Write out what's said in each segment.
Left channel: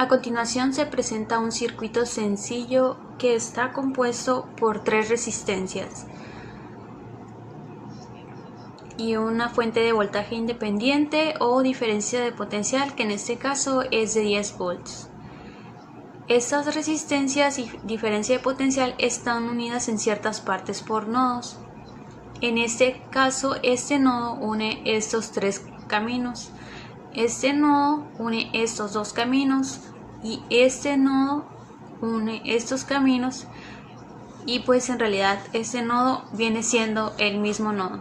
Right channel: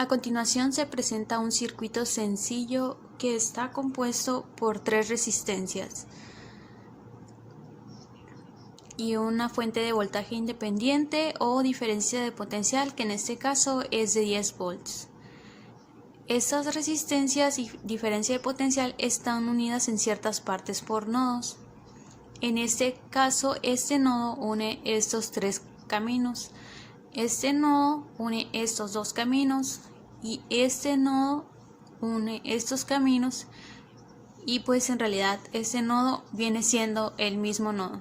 A continuación se presenta un circuito sencillo que está compuesto por 3 resistencias y una fuente de voltaje independiente o diferencia de potencial, que en este caso es de 10 volts. Estas resistencias y diferencia de potencial están unidas en ciertas partes por nodos. En este caso, este nodo une estos 3 caminos, este nodo une estos 2 caminos y este nodo une estos caminos, y pues en realidad este nodo viene siendo el mismo nodo.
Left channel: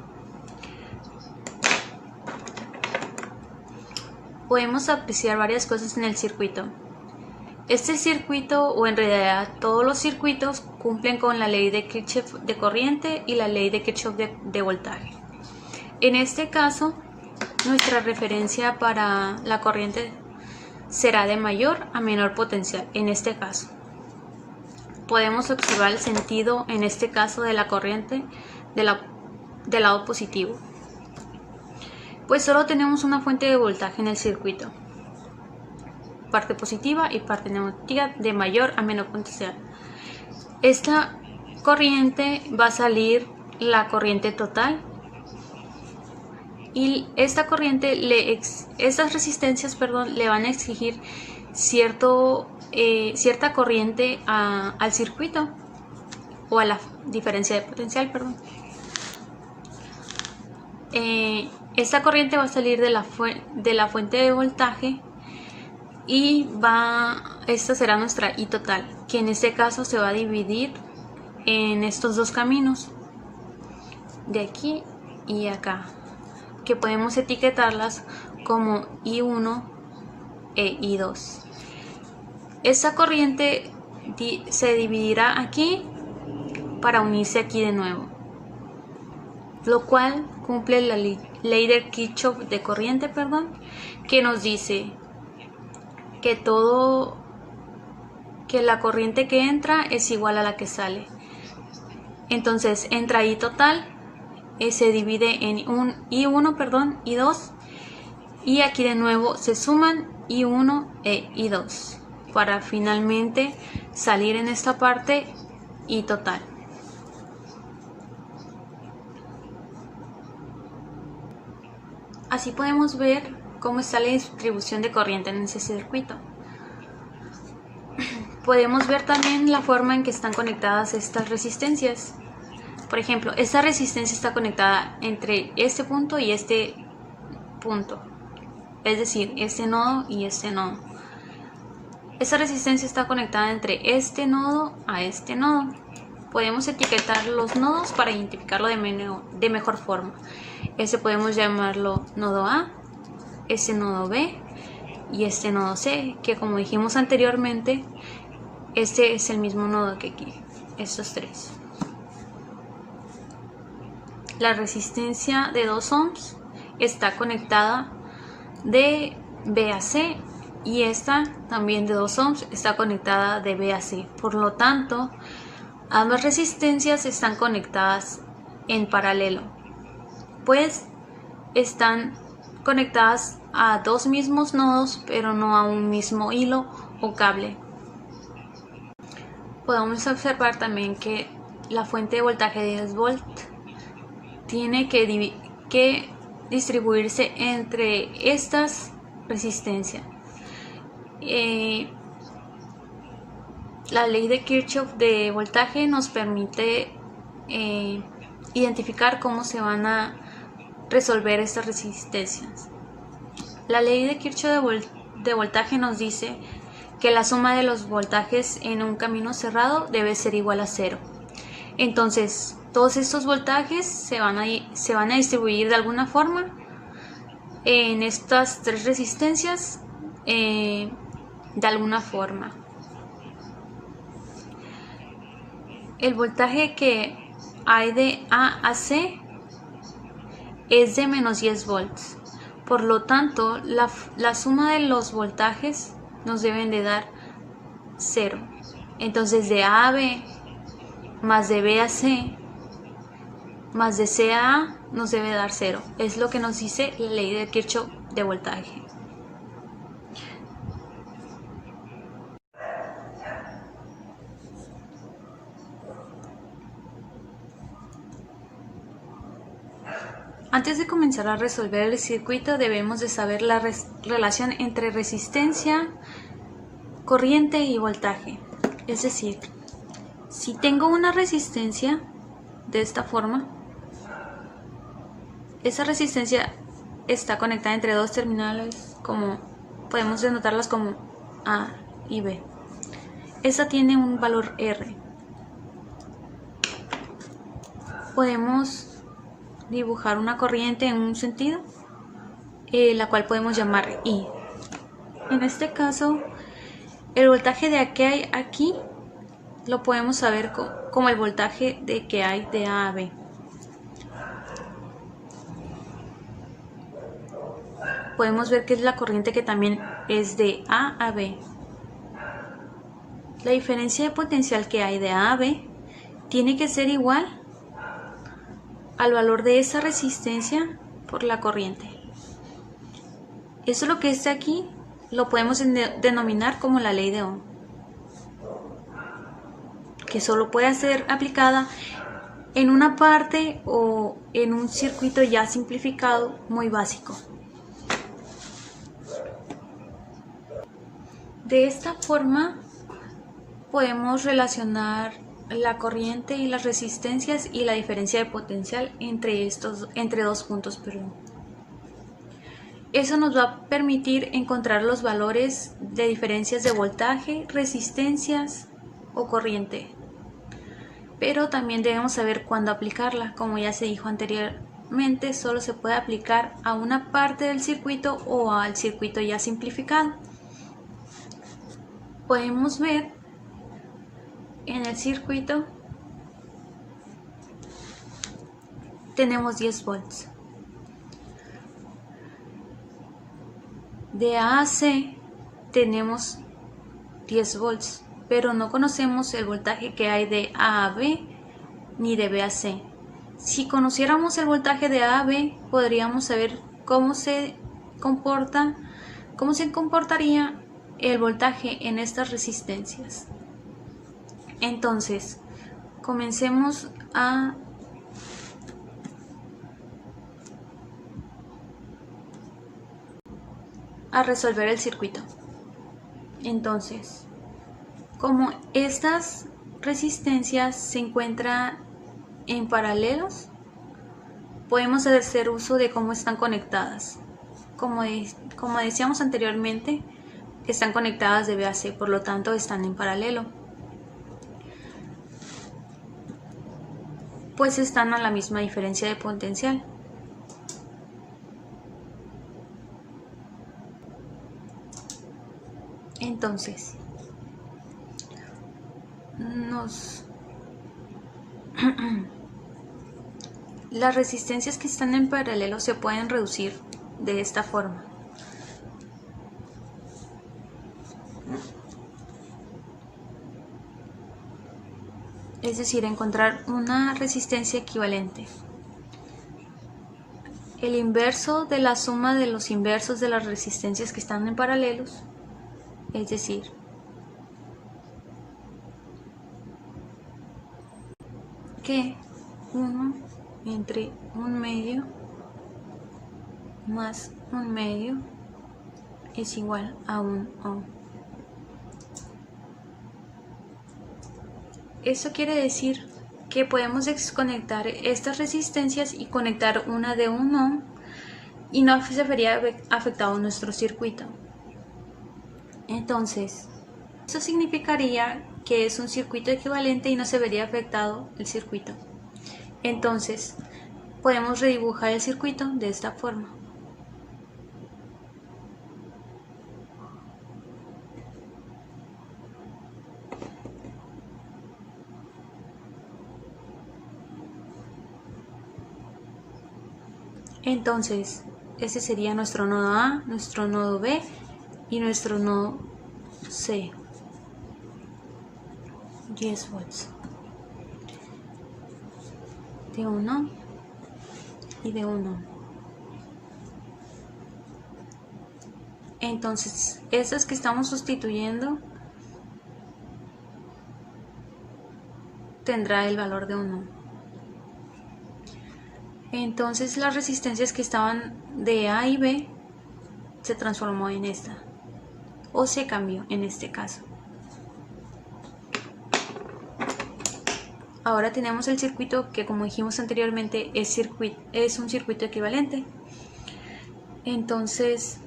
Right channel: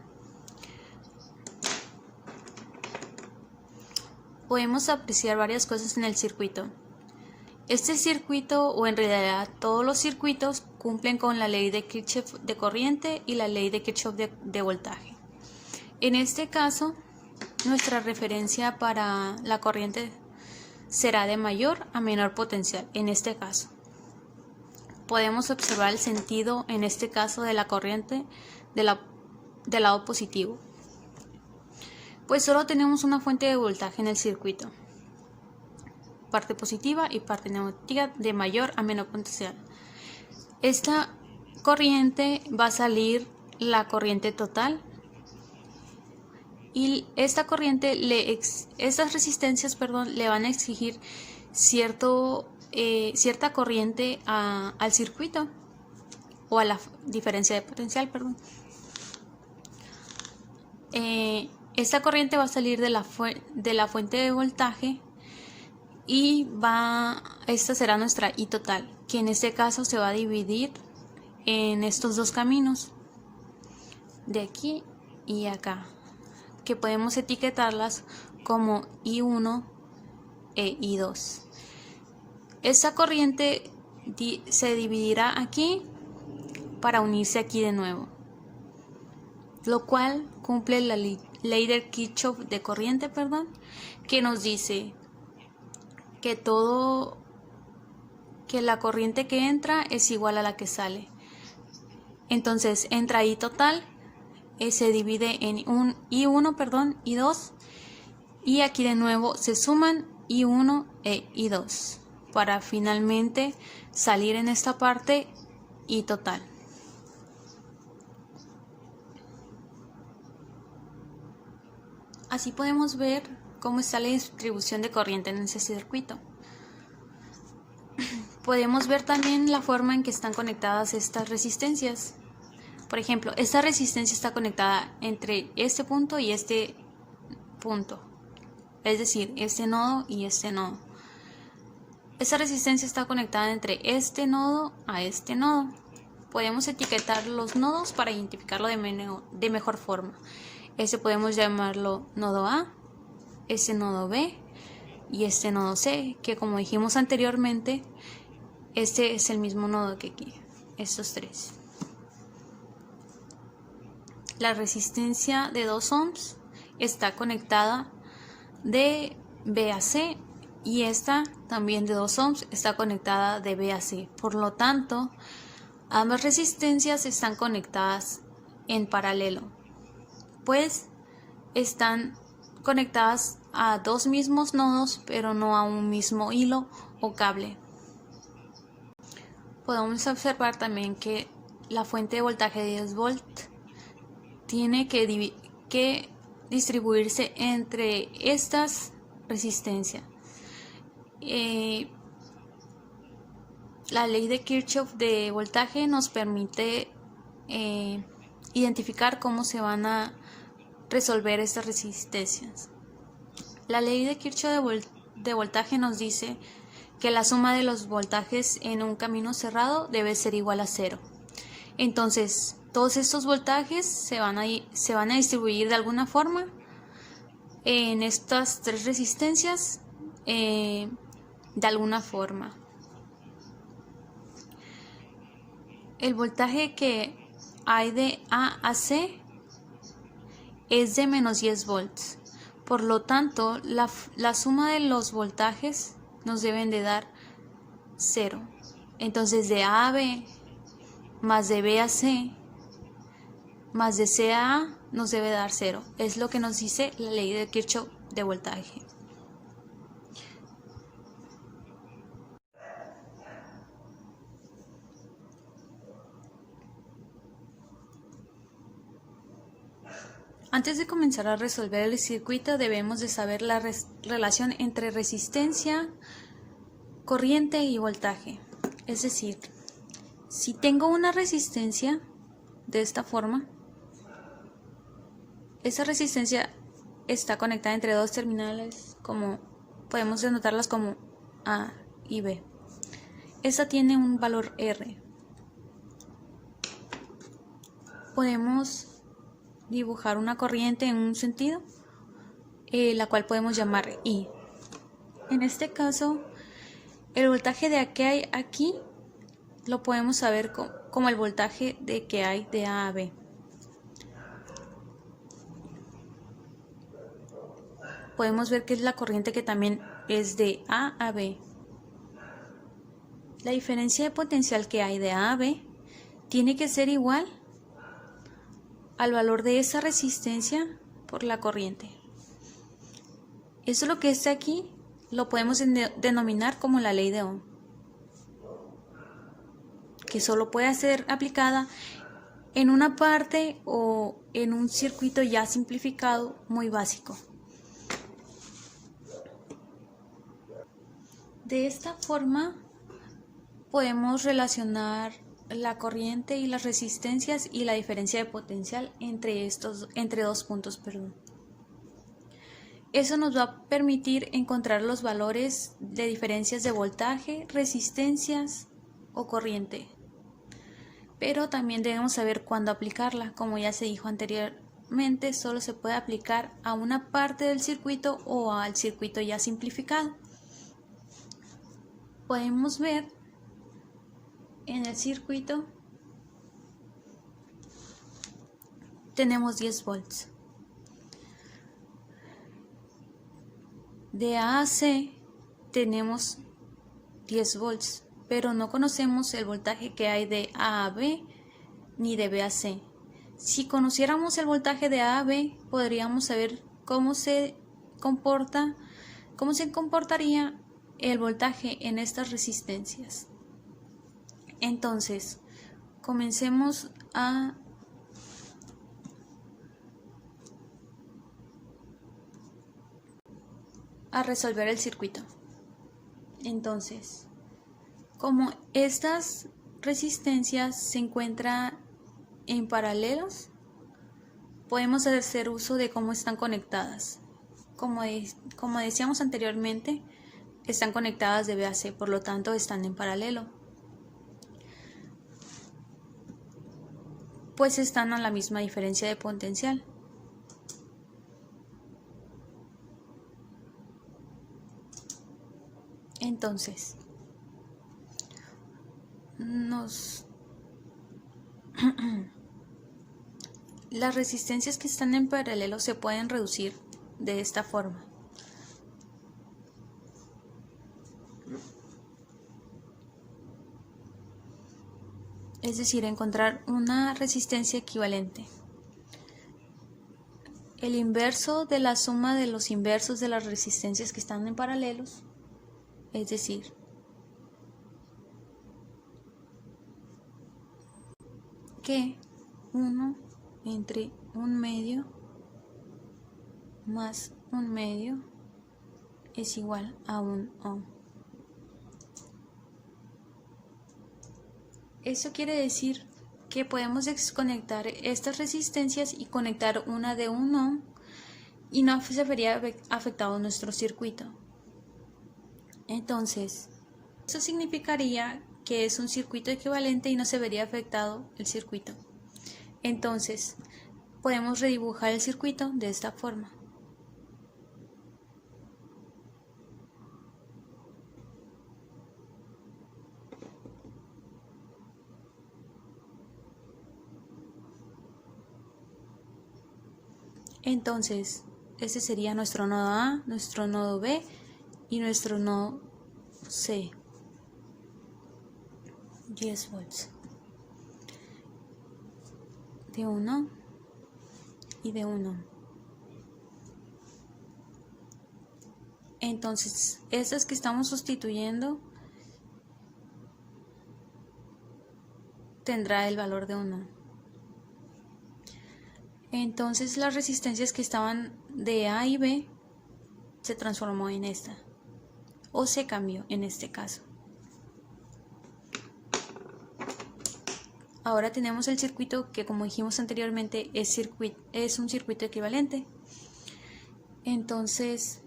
Podemos apreciar varias cosas en el circuito. Este circuito, o en realidad todos los circuitos, cumplen con la ley de Kirchhoff de corriente y la ley de Kirchhoff de voltaje. En este caso, nuestra referencia para la corriente será de mayor a menor potencial. En este caso, podemos observar el sentido, en este caso, de la corriente del lado positivo, pues solo tenemos una fuente de voltaje en el circuito, parte positiva y parte negativa de mayor a menor potencial. Esta corriente va a salir la corriente total, y esta corriente estas resistencias le van a exigir cierta corriente al circuito, o a la diferencia de potencial, esta corriente va a salir de la fuente de voltaje, y esta será nuestra I total, que en este caso se va a dividir en estos 2 caminos, de aquí y acá, que podemos etiquetarlas como I1 e I2. Esta corriente se dividirá aquí para unirse aquí de nuevo, lo cual cumple la ley de Kirchhoff de corriente, que nos dice que la corriente que entra es igual a la que sale. Entonces entra I total, se divide en I1, I2, y aquí de nuevo se suman I1 e I2 para finalmente salir en esta parte I total. Así podemos ver cómo está la distribución de corriente en ese circuito. Podemos ver también la forma en que están conectadas estas resistencias. Por ejemplo, esta resistencia está conectada entre este punto y este punto, es decir, este nodo y este nodo. Esta resistencia está conectada entre este nodo a este nodo. Podemos etiquetar los nodos para identificarlo de mejor forma. Este podemos llamarlo nodo A, este nodo B y este nodo C, que como dijimos anteriormente, este es el mismo nodo que aquí, estos 3. La resistencia de 2 ohms está conectada de B a C, y esta también de 2 ohms está conectada de B a C. Por lo tanto, ambas resistencias están conectadas en paralelo, pues están conectadas a 2 mismos nodos, pero no a un mismo hilo o cable. Podemos observar también que la fuente de voltaje de 10 volts tiene que distribuirse entre estas resistencias. La ley de Kirchhoff de voltaje nos permite identificar cómo se van a resolver estas resistencias. La ley de Kirchhoff de voltaje nos dice que la suma de los voltajes en un camino cerrado debe ser igual a 0. Entonces, todos estos voltajes se van a distribuir de alguna forma en estas 3 resistencias, de alguna forma. El voltaje que hay de A a C es de menos 10 volts. Por lo tanto, la suma de los voltajes nos deben de dar 0. Entonces, de A a B más de B a C más de C a A nos debe dar 0. Es lo que nos dice la ley de Kirchhoff de voltaje. Antes de comenzar a resolver el circuito debemos de saber la relación entre resistencia, corriente y voltaje. Es decir, si tengo una resistencia de esta forma, esa resistencia está conectada entre dos terminales, como podemos denotarlas como A y B. Esta tiene un valor R. Podemos dibujar una corriente en un sentido, la cual podemos llamar I. En este caso, el voltaje de que hay aquí lo podemos saber como el voltaje de que hay de A a B. Podemos ver que es la corriente que también es de A a B. La diferencia de potencial que hay de A a B tiene que ser igual al valor de esa resistencia por la corriente. Eso es lo que está aquí, lo podemos denominar como la ley de Ohm, que solo puede ser aplicada en una parte o en un circuito ya simplificado muy básico. De esta forma podemos relacionar la corriente y las resistencias y la diferencia de potencial entre dos puntos. Eso nos va a permitir encontrar los valores de diferencias de voltaje, resistencias o corriente. Pero también debemos saber cuándo aplicarla. Como ya se dijo anteriormente, solo se puede aplicar a una parte del circuito o al circuito ya simplificado. Podemos ver en el circuito tenemos 10 volts. De A a C tenemos 10 volts, pero no conocemos el voltaje que hay de A a B ni de B a C. Si conociéramos el voltaje de A a B, podríamos saber cómo se comportaría el voltaje en estas resistencias. Entonces, comencemos a resolver el circuito. Entonces, como estas resistencias se encuentran en paralelos, podemos hacer uso de cómo están conectadas. Como decíamos anteriormente, están conectadas de B a C, por lo tanto están en paralelo, pues están a la misma diferencia de potencial. Entonces, las resistencias que están en paralelo se pueden reducir de esta forma. Es decir, encontrar una resistencia equivalente. El inverso de la suma de los inversos de las resistencias que están en paralelos, es decir, que 1 entre 1/2 más 1/2 es igual a 1 ohm. Eso quiere decir que podemos desconectar estas resistencias y conectar una de 1 ohm y no se vería afectado nuestro circuito. Entonces, eso significaría que es un circuito equivalente y no se vería afectado el circuito. Entonces, podemos redibujar el circuito de esta forma. Entonces, ese sería nuestro nodo A, nuestro nodo B y nuestro nodo C. 10 volts. De 1 y de 1. Entonces, estas que estamos sustituyendo tendrá el valor de 1. Entonces las resistencias que estaban de A y B se transformó en esta, o se cambió en este caso. Ahora tenemos el circuito que, como dijimos anteriormente, es un circuito equivalente. Entonces,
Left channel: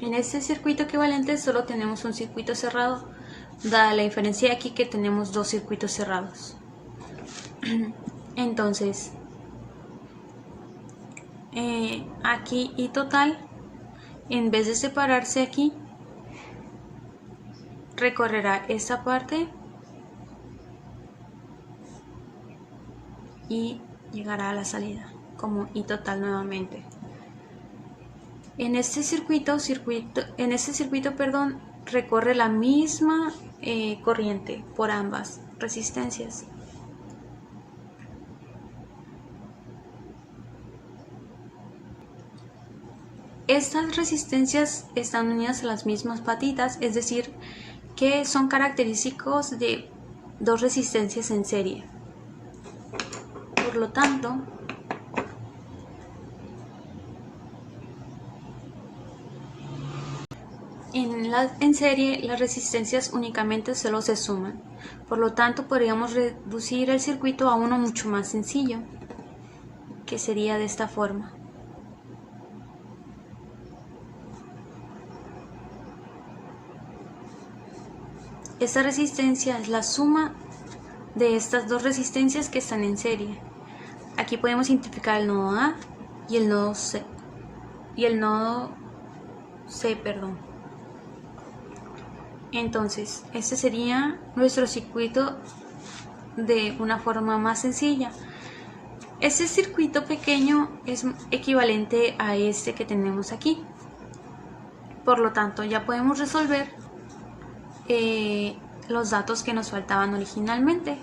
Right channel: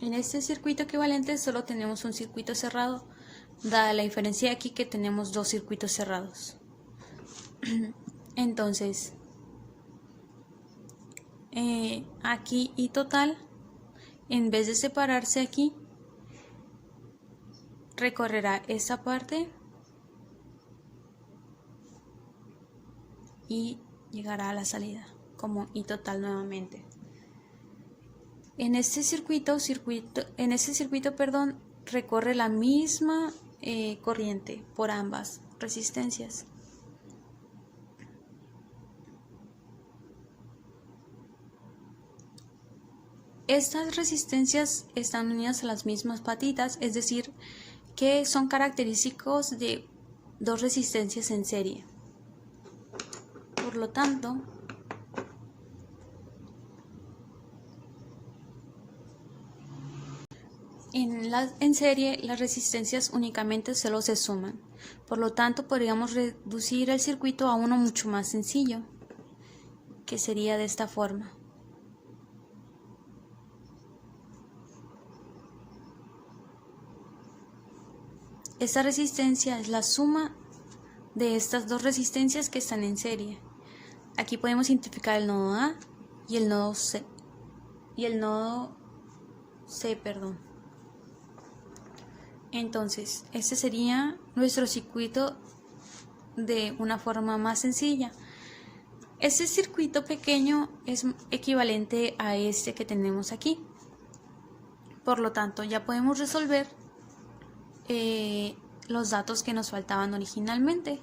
en este circuito equivalente solo tenemos un circuito cerrado, dada la diferencia aquí que tenemos dos circuitos cerrados. Entonces, aquí y total, en vez de separarse aquí, recorrerá esta parte y llegará a la salida como I total nuevamente. En este circuito, recorre la misma corriente por ambas resistencias. Estas resistencias están unidas a las mismas patitas, es decir, que son característicos de dos resistencias en serie. Por lo tanto, en serie las resistencias únicamente solo se suman. Por lo tanto, podríamos reducir el circuito a uno mucho más sencillo, que sería de esta forma. Esta resistencia es la suma de estas dos resistencias que están en serie. Aquí podemos identificar el nodo A y el nodo C. Entonces, este sería nuestro circuito de una forma más sencilla. Este circuito pequeño es equivalente a este que tenemos aquí. Por lo tanto, ya podemos resolver los datos que nos faltaban originalmente.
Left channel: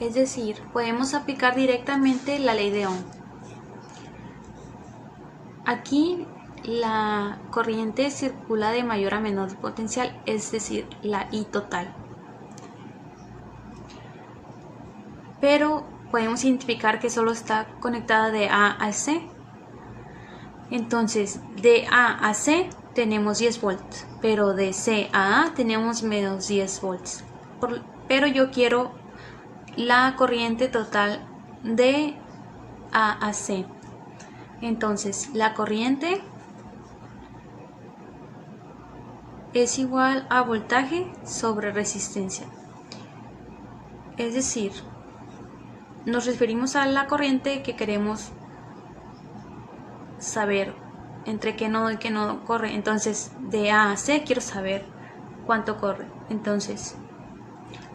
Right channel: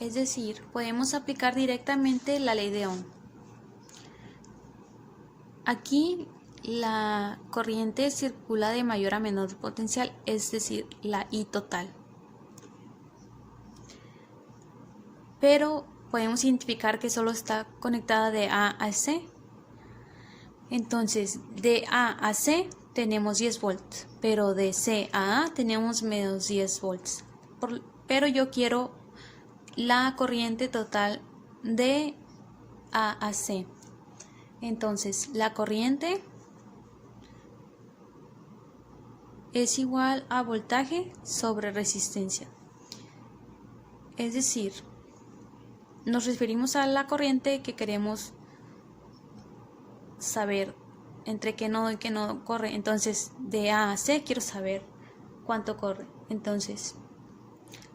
Es decir, podemos aplicar directamente la ley de Ohm. Aquí la corriente circula de mayor a menor potencial, es decir, la I total. Pero podemos identificar que solo está conectada de A a C. Entonces, de A a C tenemos 10 volts, pero de C a A tenemos menos 10 volts. Pero yo quiero la corriente total de A a C. Entonces, la corriente es igual a voltaje sobre resistencia. Es decir, nos referimos a la corriente que queremos saber entre qué nodo y qué nodo corre. Entonces, de A a C quiero saber cuánto corre. Entonces,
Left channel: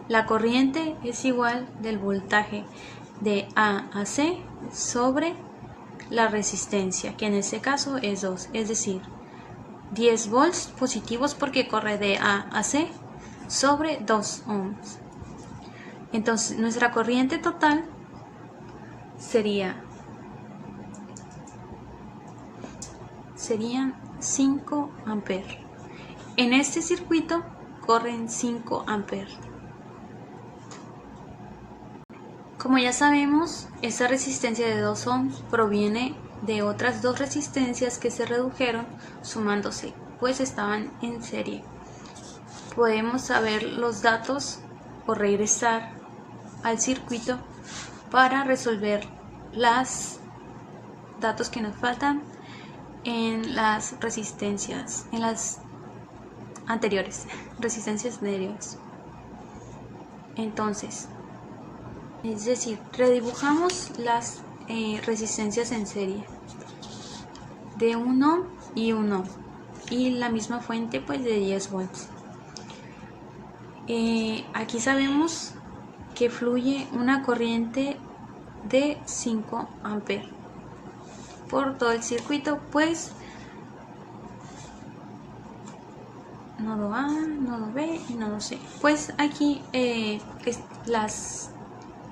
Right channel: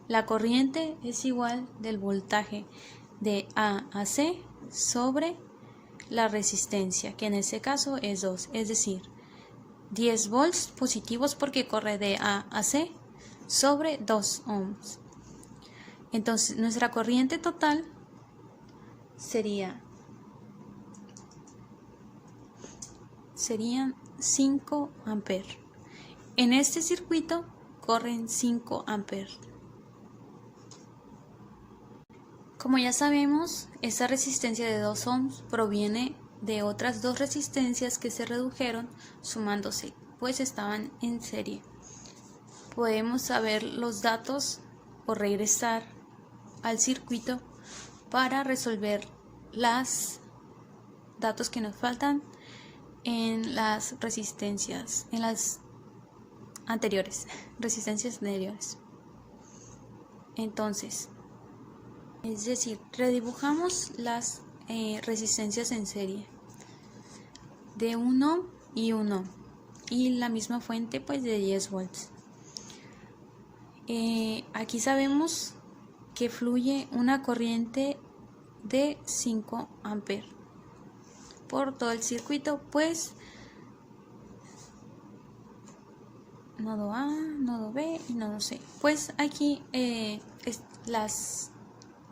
la corriente es igual del voltaje de A a C sobre la resistencia, que en este caso es 2, es decir, 10 volts positivos porque corre de A a C sobre 2 ohms. Entonces, nuestra corriente total serían 5 amperes. En este circuito corren 5 amperes. Como ya sabemos, esta resistencia de 2 ohms proviene de otras dos resistencias que se redujeron sumándose, pues estaban en serie. Podemos saber los datos o regresar al circuito para resolver los datos que nos faltan en las resistencias, en las resistencias anteriores. Entonces, es decir, redibujamos las resistencias en serie de 1 y 1 y la misma fuente pues de 10 volts. Aquí sabemos que fluye una corriente de 5 amperes por todo el circuito, pues nodo A, nodo B y nodo C. Pues aquí las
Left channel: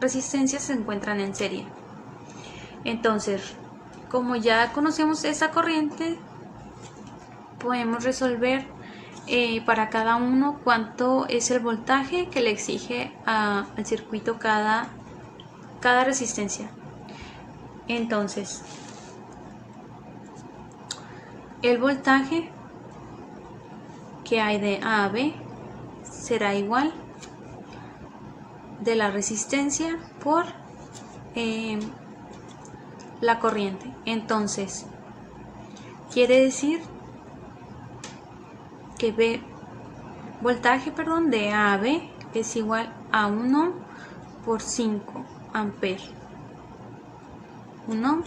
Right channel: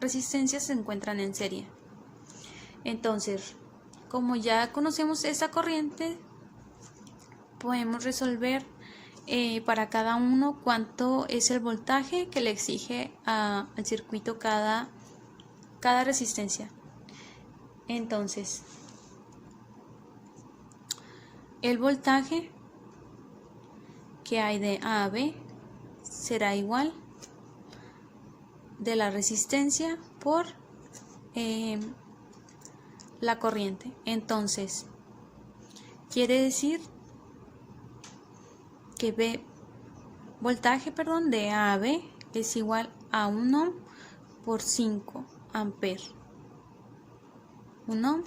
resistencias se encuentran en serie. Entonces, como ya conocemos esa corriente, podemos resolver para cada uno cuánto es el voltaje que le exige al circuito cada cada resistencia. Entonces, el voltaje que hay de A a B será igual de la resistencia por la corriente. Entonces, quiere decir que voltaje de A a B es igual a 1 por 5 amperes. 1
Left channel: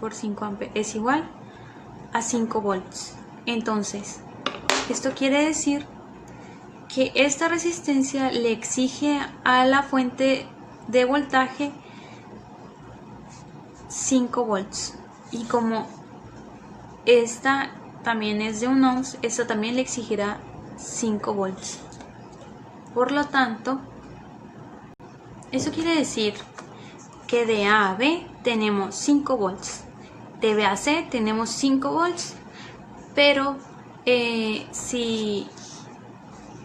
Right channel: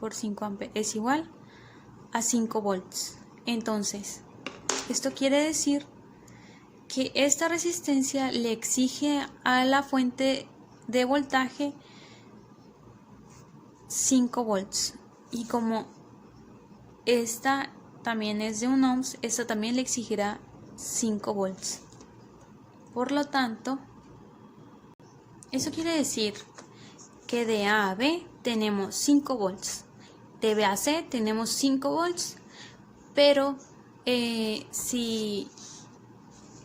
por 5 amperes es igual a 5 volts. Entonces, esto quiere decir que esta resistencia le exige a la fuente de voltaje 5 volts. Y como esta también es de 1 ohm, esta también le exigirá 5 volts. Por lo tanto, eso quiere decir que de A a B tenemos 5 volts. De B a C tenemos 5 volts. Pero si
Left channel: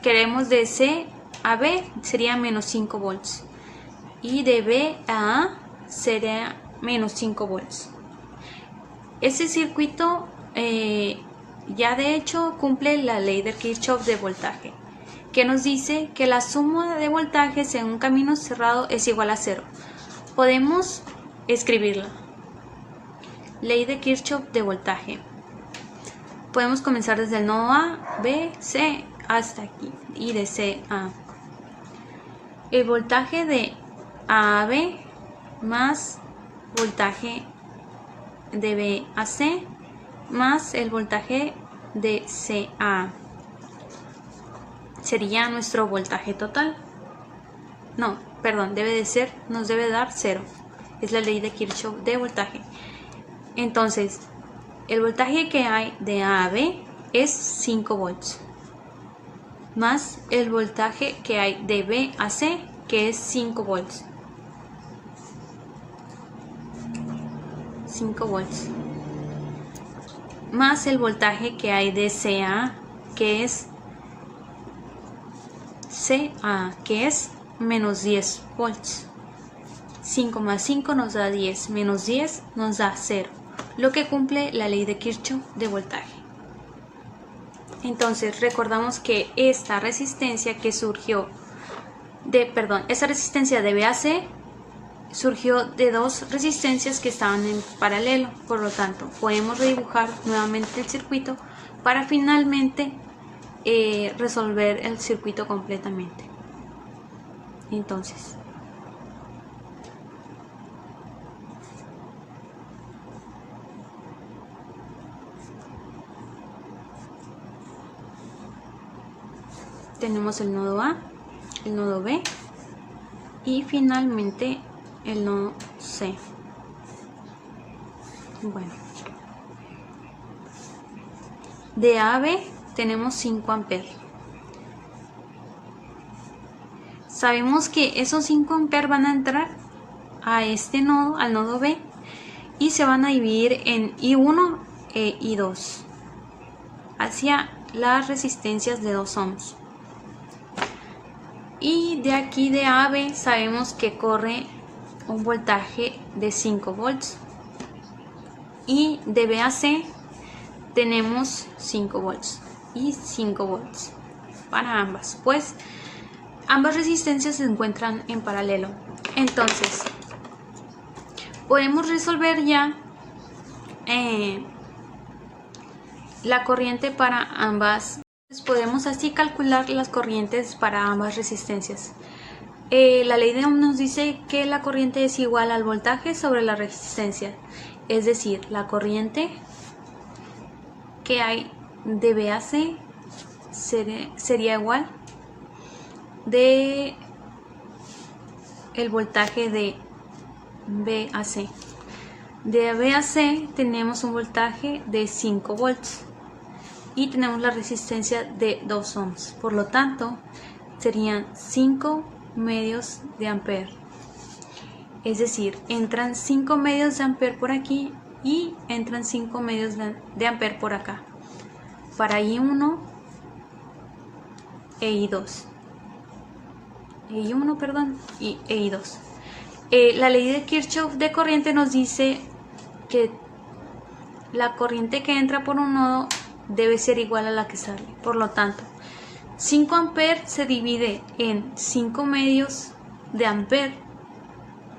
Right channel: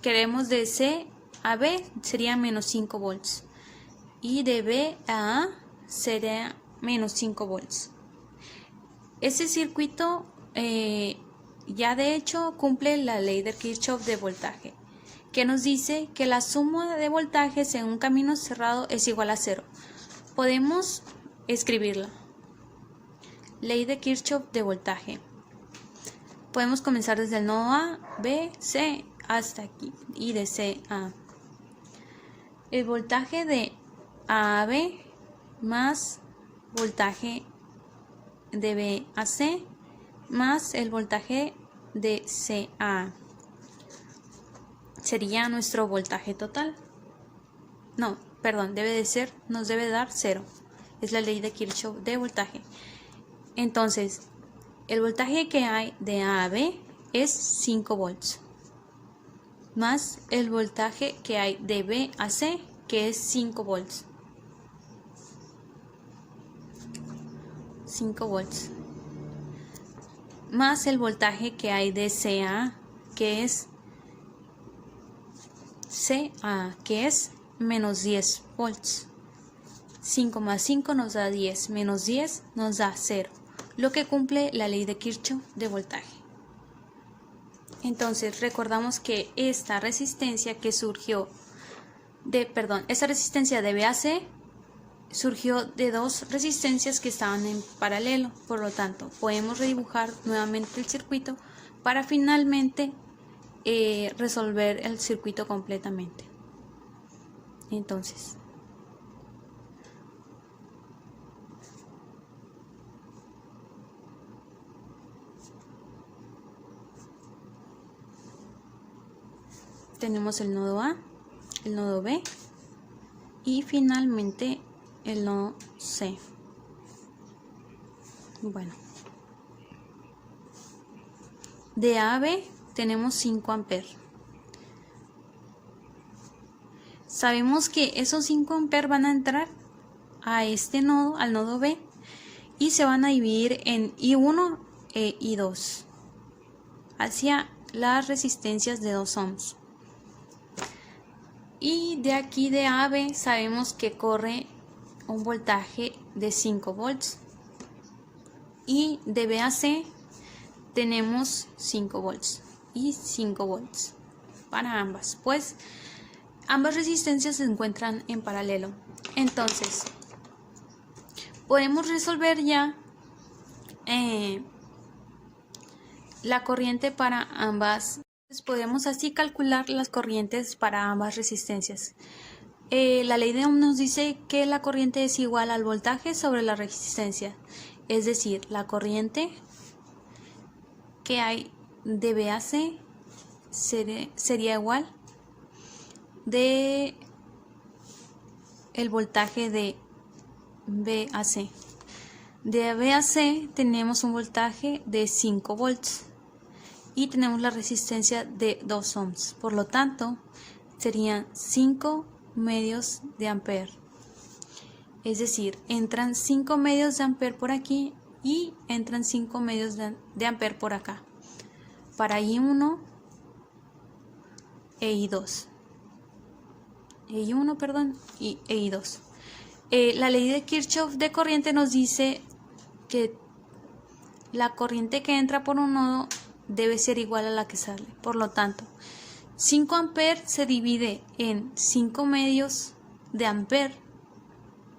queremos de C a B sería menos 5 volts. Y de B a A sería menos 5 volts. Este circuito ya de hecho cumple la ley de Kirchhoff de voltaje, que nos dice que la suma de voltajes en un camino cerrado es igual a 0. Podemos escribirla. Ley de Kirchhoff de voltaje. Podemos comenzar desde el nodo A, B, C hasta aquí y de C a A. El voltaje de A a B más voltaje de B a C más el voltaje de C a A sería nuestro voltaje total. No, perdón, nos debe dar 0. Es la ley de Kirchhoff de voltaje. Entonces, el voltaje que hay de A a B es 5 volts. Más el voltaje que hay de B a C, que es 5 volts. 5 volts. Más el voltaje que hay de C a A, que es menos 10 volts. 5 más 5 nos da 10, menos 10 nos da 0, lo que cumple la ley de Kirchhoff de voltaje. Entonces recordamos que esta resistencia que surgió esta resistencia de B a C surgió de dos resistencias que estaban en paralelo. Por lo tanto, podemos redibujar nuevamente el circuito para finalmente resolver el circuito completamente. Entonces, tenemos el nodo A, el nodo B y finalmente el nodo C. Bueno, de A a B tenemos 5 amperes. Sabemos que esos 5 amperes van a entrar a este nodo, al nodo B, y se van a dividir en I1 e I2 hacia las resistencias de 2 ohms. Y de aquí de A a B sabemos que corre un voltaje de 5 volts. Y de B a C tenemos 5 volts y 5 volts para ambas, pues ambas resistencias se encuentran en paralelo. Entonces, podemos resolver ya la corriente para ambas. Podemos así calcular las corrientes para ambas resistencias. La ley de Ohm nos dice que la corriente es igual al voltaje sobre la resistencia, es decir, la corriente que hay de B a C sería igual de el voltaje de B a C. De B a C tenemos un voltaje de 5 volts y tenemos la resistencia de 2 ohms. Por lo tanto, serían 5 medios de amper. Es decir, entran 5 medios de amper por aquí y entran 5 medios de amper por acá. Para I1 e I2. E I2. La ley de Kirchhoff de corriente nos dice que la corriente que entra por un nodo debe ser igual a la que sale. Por lo tanto, 5 amperes se divide en 5 medios de amper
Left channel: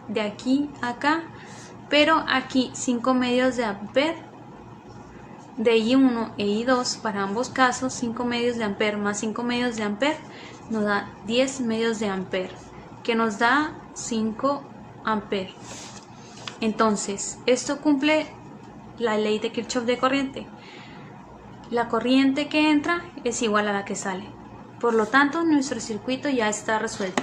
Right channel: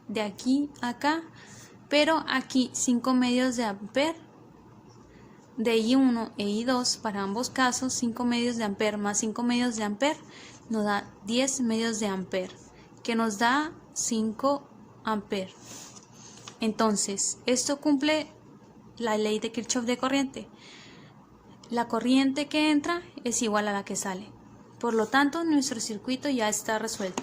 de aquí a acá, pero aquí 5 medios de amper de I1 e I2 para ambos casos. 5 medios de amper más 5 medios de amper nos da 10 medios de amper, que nos da 5 amperes. Entonces, esto cumple la ley de Kirchhoff de corriente. La corriente que entra es igual a la que sale. Por lo tanto, nuestro circuito ya está resuelto.